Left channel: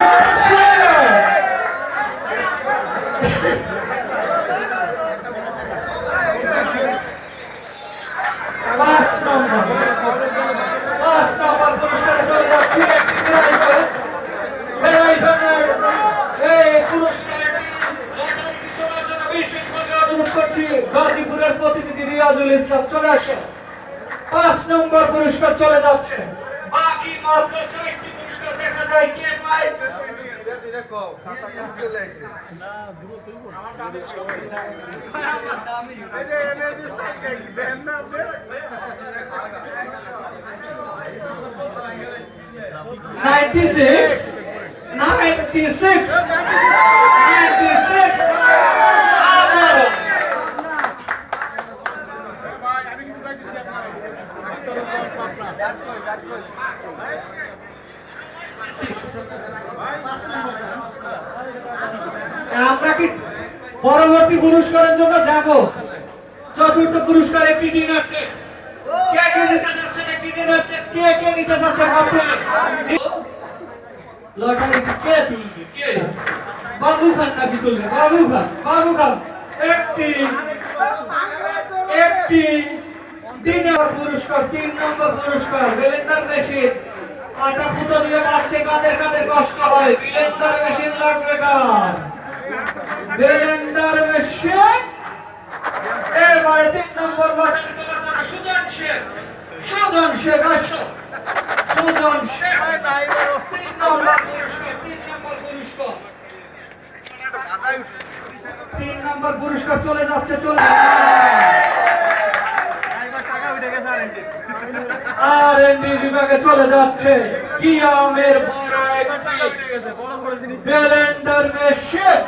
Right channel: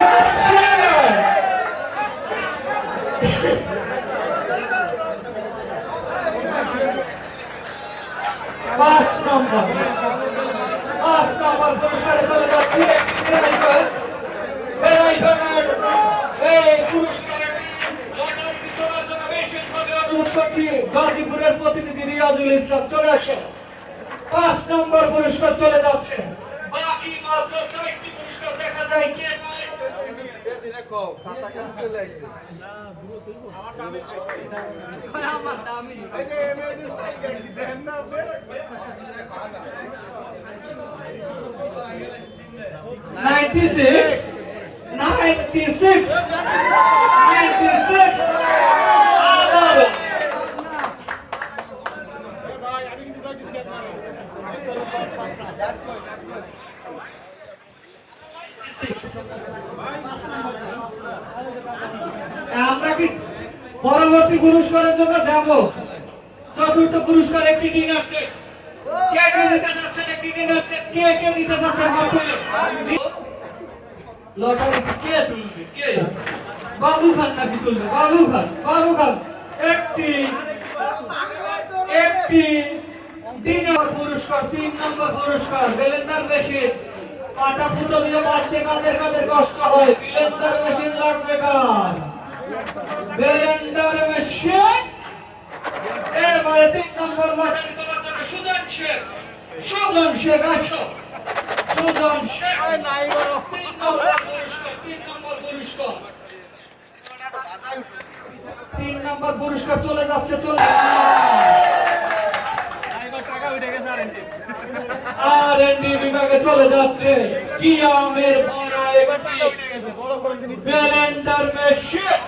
পাঁচ নম্বর পুরস্কারে চলে যাচ্ছে অনুরোধ করছি গাজীপুরের প্রতিনিধি রিয়াজুল ইসলাম চলে আসে। 5 নম্বর পুরস্কার চলে যাচ্ছে। বাকি মাত্র 4টি পুরস্কার দেখা যায় কে পায়। আমরা কি পরবর্তী পুরস্কারের জন্য যাব? চতুর্থ পুরস্কার একটি ডিনার সেট। কে কে নিতে যাচ্ছেন একটি ডিনার সেট? কে কে নিতে যাচ্ছেন? লটারি কে তুলবে? কে? বাবু খান নাকি তুলবে? বাবু খান একটি ডিনার পুরস্কার। 3 নম্বর পুরস্কার ব্লেন্ডার মেশিন। আটা পুতো দিয়ে বাড়তে কাদের কাদের কষ্ট হয়, ব্লেন্ডার মেশিন লাগবে কার? Blender machine. এবারে 3 নম্বর লটারি তোলার জন্য সুজন শেখ আসো। সুজন শেখ 3 নম্বর পুরস্কার। 3 নম্বর পুরস্কার চলে যাচ্ছে। R&D বিভাগে চলে যাচ্ছে কিয়ামের বড় একটি ব্লেন্ডার মেশিন।